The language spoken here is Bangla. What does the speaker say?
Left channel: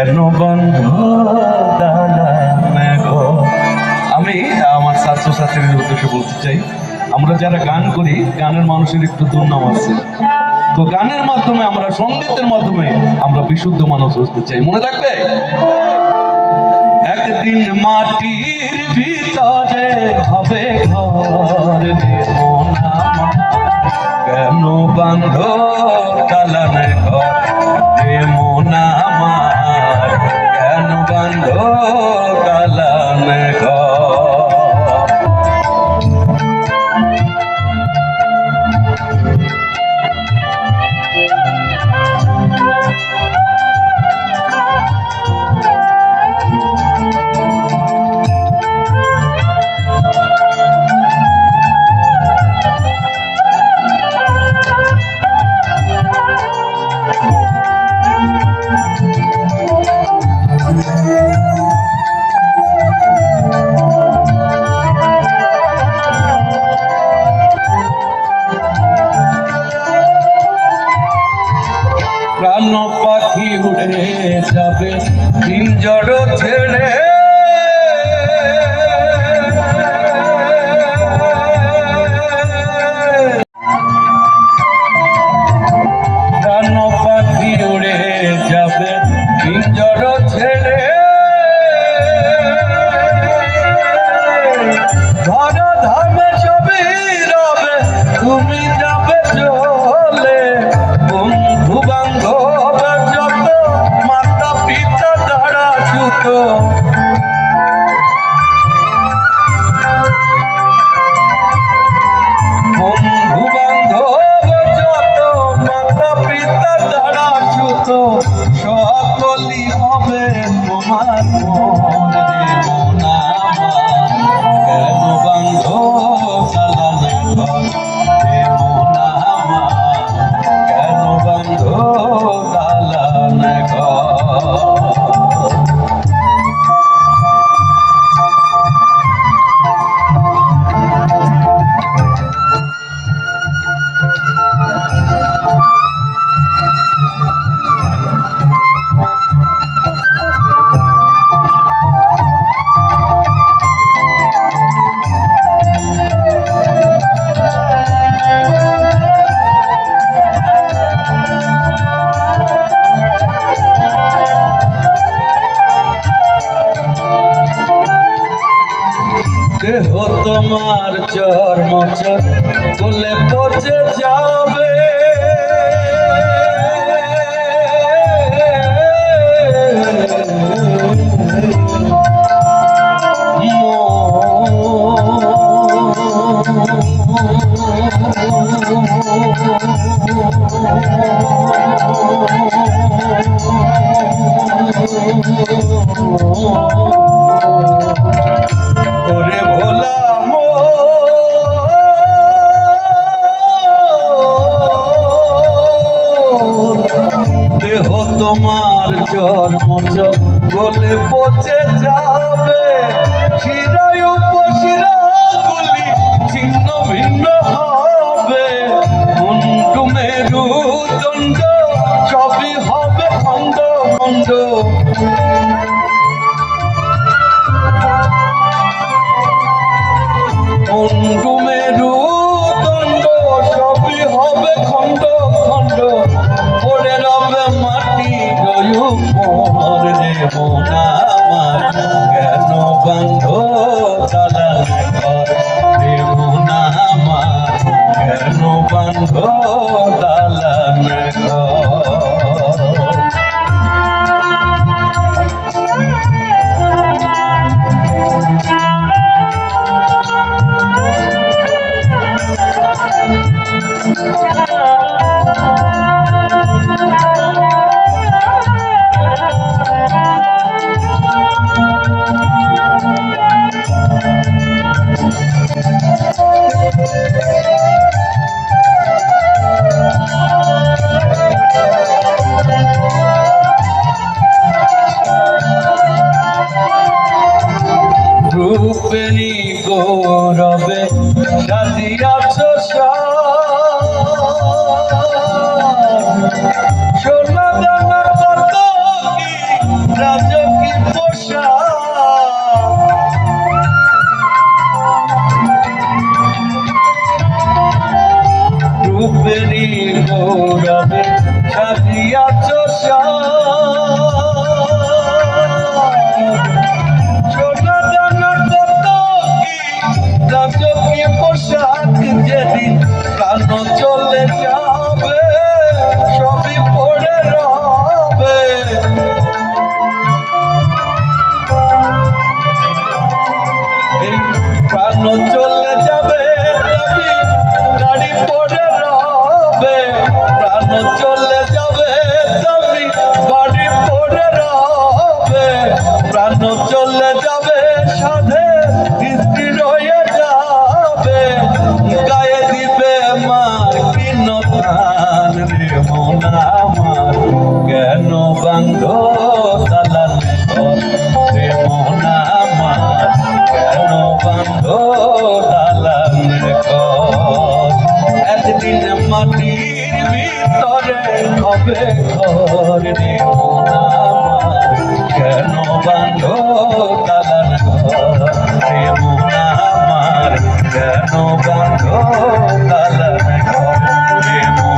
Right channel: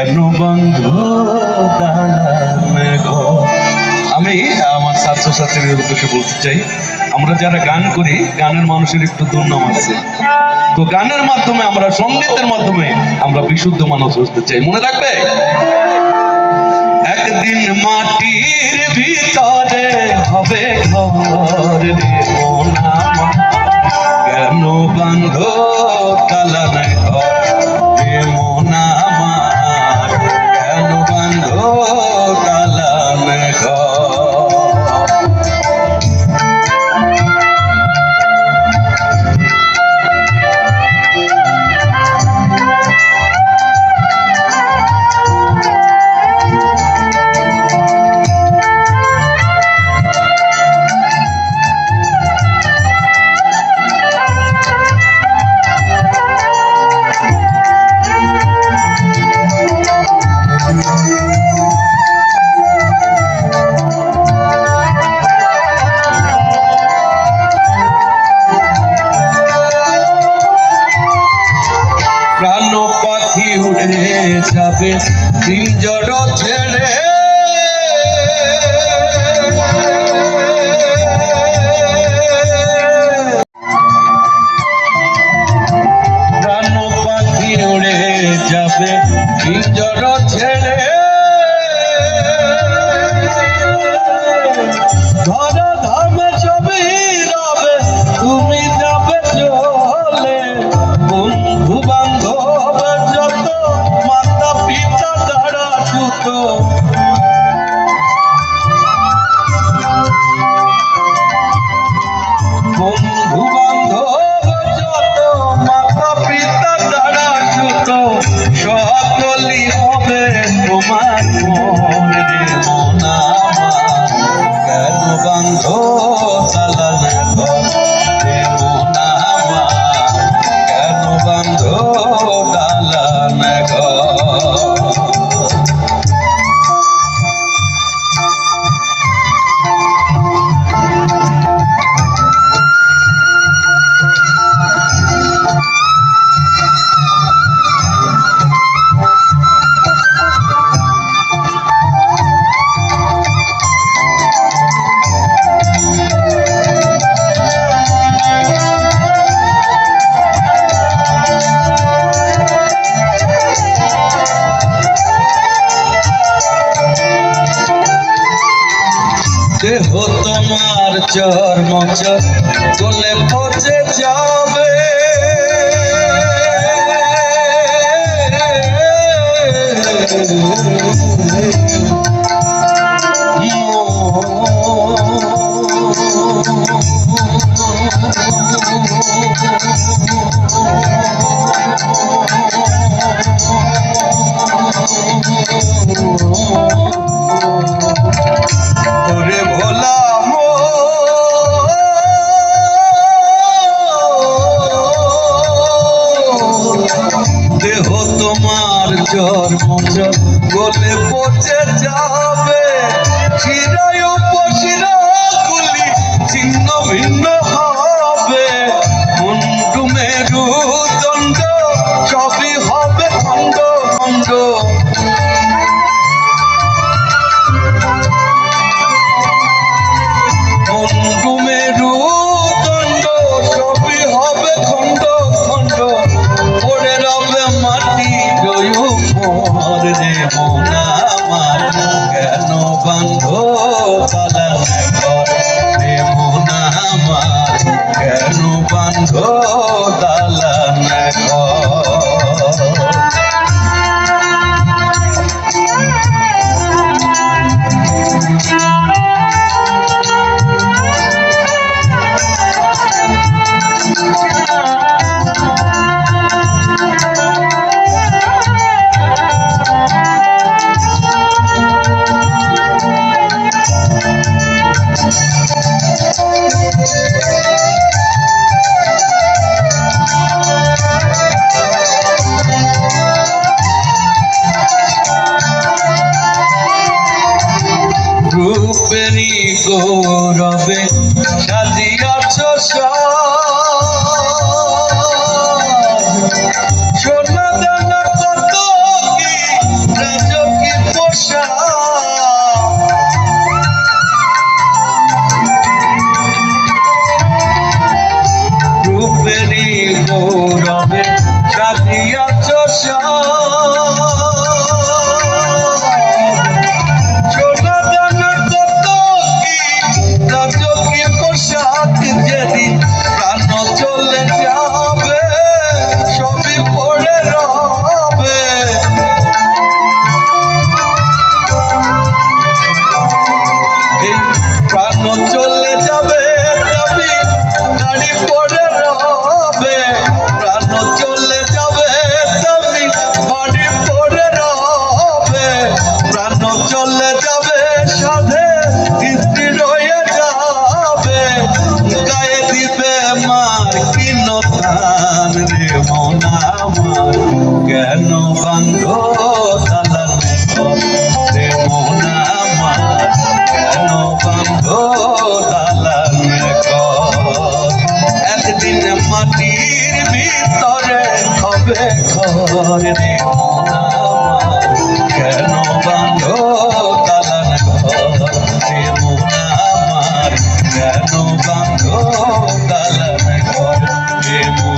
কেন বন্ধ আমি আমার ছাত্রছাত্রীদের উদ্দেশ্যে বলতে চাই, আমরা যারা গান করি, গানের মানুষের একটু দুর্নাম আছে। তো গানের মাধ্যমে আমরা, সঙ্গীতের মাধ্যমে আমরা বিশুদ্ধ মানুষ হতে চাই। মনে রাখবে একদিন মাটির ভিতরে হবে ঘর কেন বান্ধ ধামে ছবি রবে, তুমি যাবে চলে। বন্ধু বান্ধব যত, মাতা পিতা দ্বারা ছুত বন্ধু বান্ধব যত, মাতা পিতা দ্বারা ছুত সকলই হবে তোমার মন তোমার মচর বলে পচে যাবে দেহ তোমার জন্ম গলে পচে যাবে। শিরায় উপশিরাগুলি ছিন্ন ভিন্ন কেন বান্ধ তালান রূপেরই গৌরবে সাজিয়াছ সোনা দানা কত কি রাজকিত রূপেরই গৌরবে সাজিয়া ঘর? দেবো কেন বান্ধ কালার ঘর? দেবো আমার কেন বান্ধ কালার ঘর? দেবো